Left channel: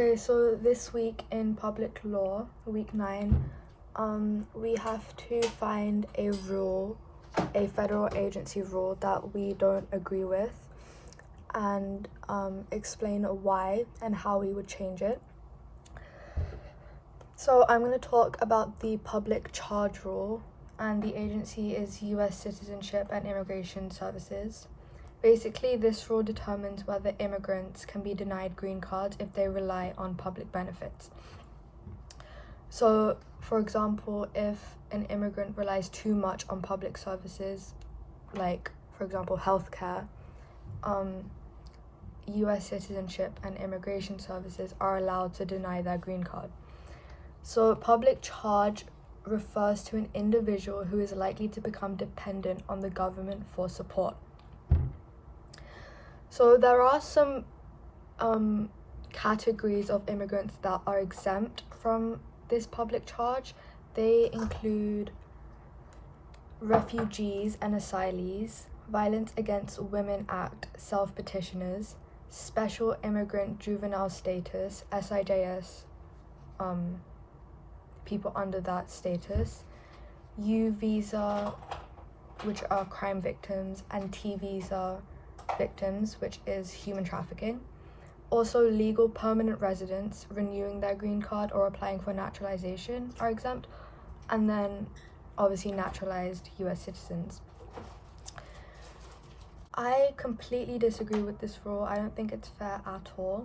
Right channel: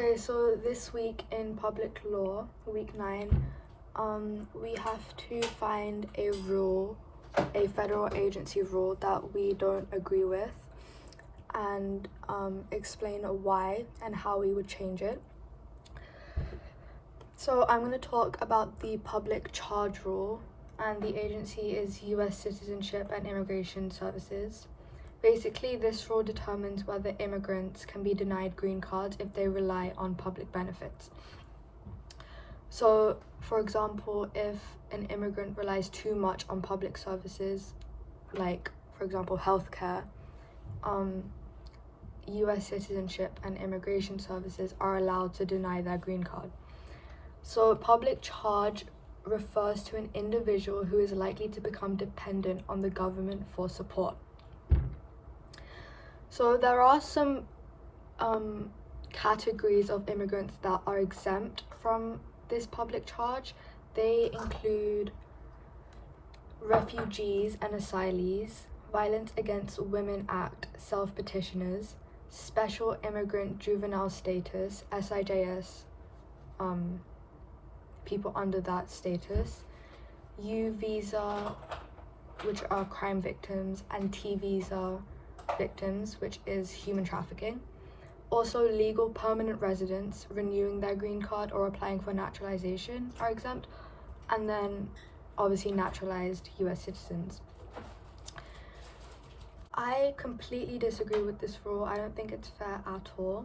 Okay, so this week in public law, week 9, we have to find a rule, a federal agency rule that we don't agree with, and explain why and how we would change it. So I'm going to talk about the public charge rule, and the agency is US Citizenship and Immigration Services. Basically, this rule determines whether immigrants can be denied green cards if they rely on public benefits. So, for example, if an immigrant relies too much on public services, like, for example, healthcare, US Citizenship and Immigration Services are allowed to deny their green card. So, public charge refers to an individual who is likely to become dependent on the government for support. So there are some categories of immigrants that are exempt from this public charge. They include refugees and asylees, Violence Against Women Act self-petitioners, Special Immigrant Juvenile Status, SIJS, people under that status, U visa, which are crime victims, and T visa victims, which is human trafficking. Also, legal permanent residents renewing their green card or applying for naturalization are exempt, and then obviously naturalized US citizens. I completely disagree with this rule. I don't think it's fair at all,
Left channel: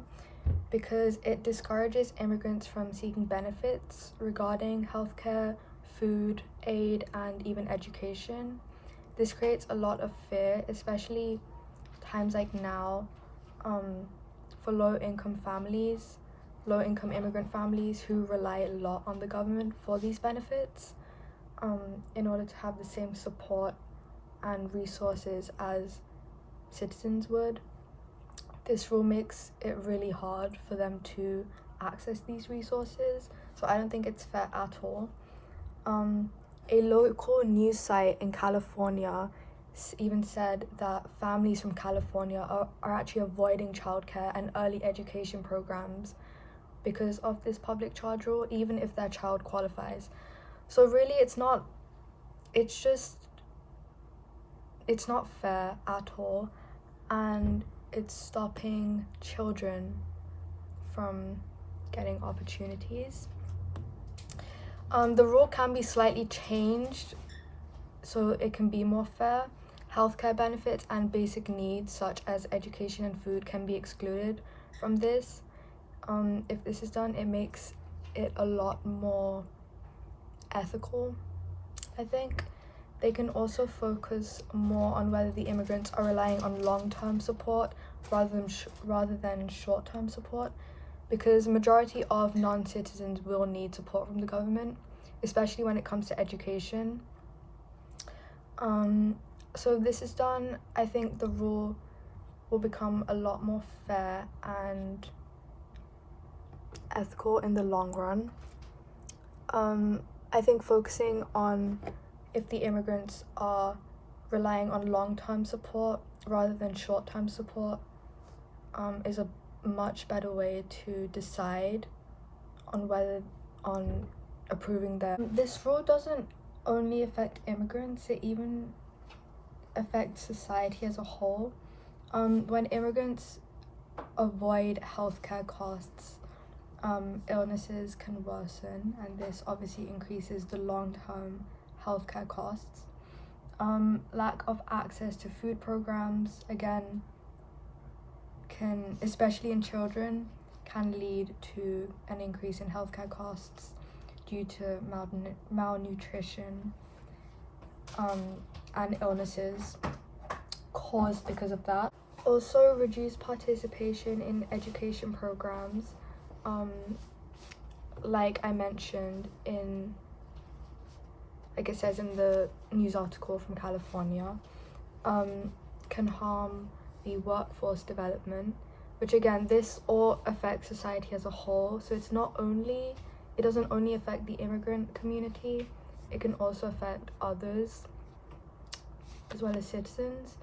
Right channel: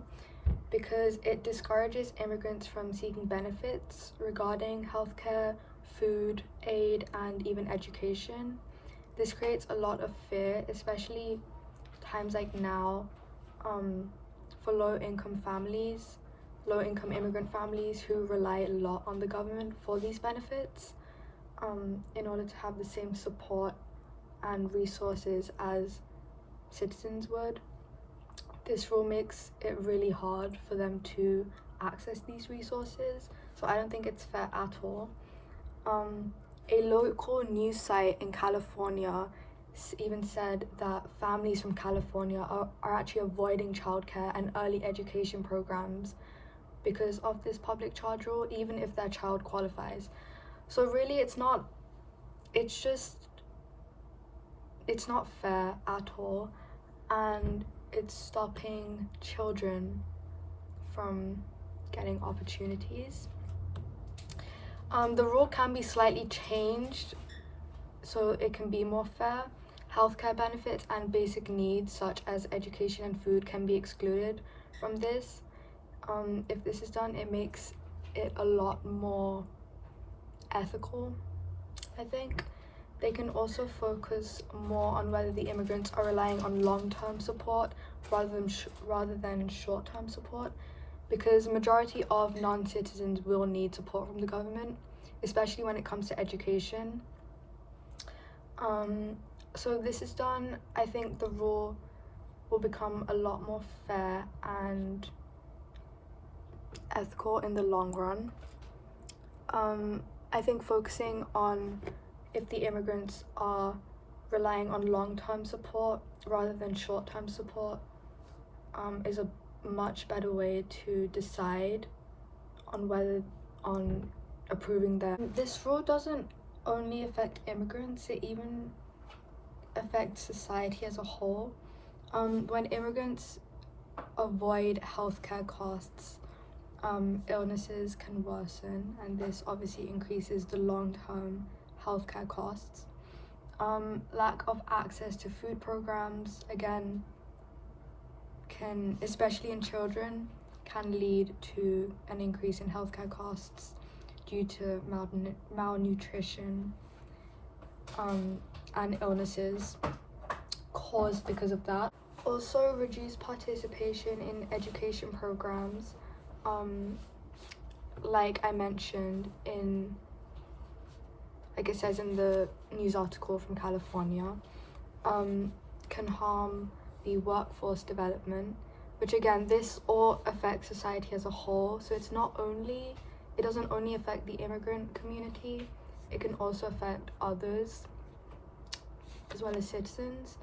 because it discourages immigrants from seeking benefits regarding healthcare, food, aid, and even education. This creates a lot of fear, especially times like now, for low-income immigrant families who rely a lot on the government for these benefits, in order to have the same support and resources as citizens would. This rule makes it really hard for them to access these resources, so I don't think it's fair at all. A local news site in California even said that families from California are actually avoiding childcare and early education programs because of this public charge rule, even if their child qualifies. So really, it's not fair at all, and it's stopping children from getting opportunities. The rule can be slightly changed so it can be more fair. Healthcare benefits and basic needs such as education and food can be excluded from this. If this is done, it makes it a lot more ethical, I think. They can also focus more on whether the immigrants are relying on long-term support rather than short-term support, because majority of non-citizens will need support from the government, especially when it comes to education. So this is done, I think the rule will become a lot more fair and ethical in the long run. I think focusing on if the immigrants are relying on long-term support rather than short-term support is a much better way to decide on approving them. This rule doesn't only affect immigrants, it even affects society as a whole. When immigrants avoid healthcare costs, illnesses can worsen, and this obviously increases the long-term healthcare costs. Lack of access to food programs, again, especially in children, can lead to an increase in healthcare costs due to malnutrition and illnesses caused because of that. Also, reduced participation in education programs, like I mentioned like it says in the news article from California, can harm the workforce development, which again, this all affects society as a whole. So it doesn't only affect the immigrant community, it can also affect others as well as citizens.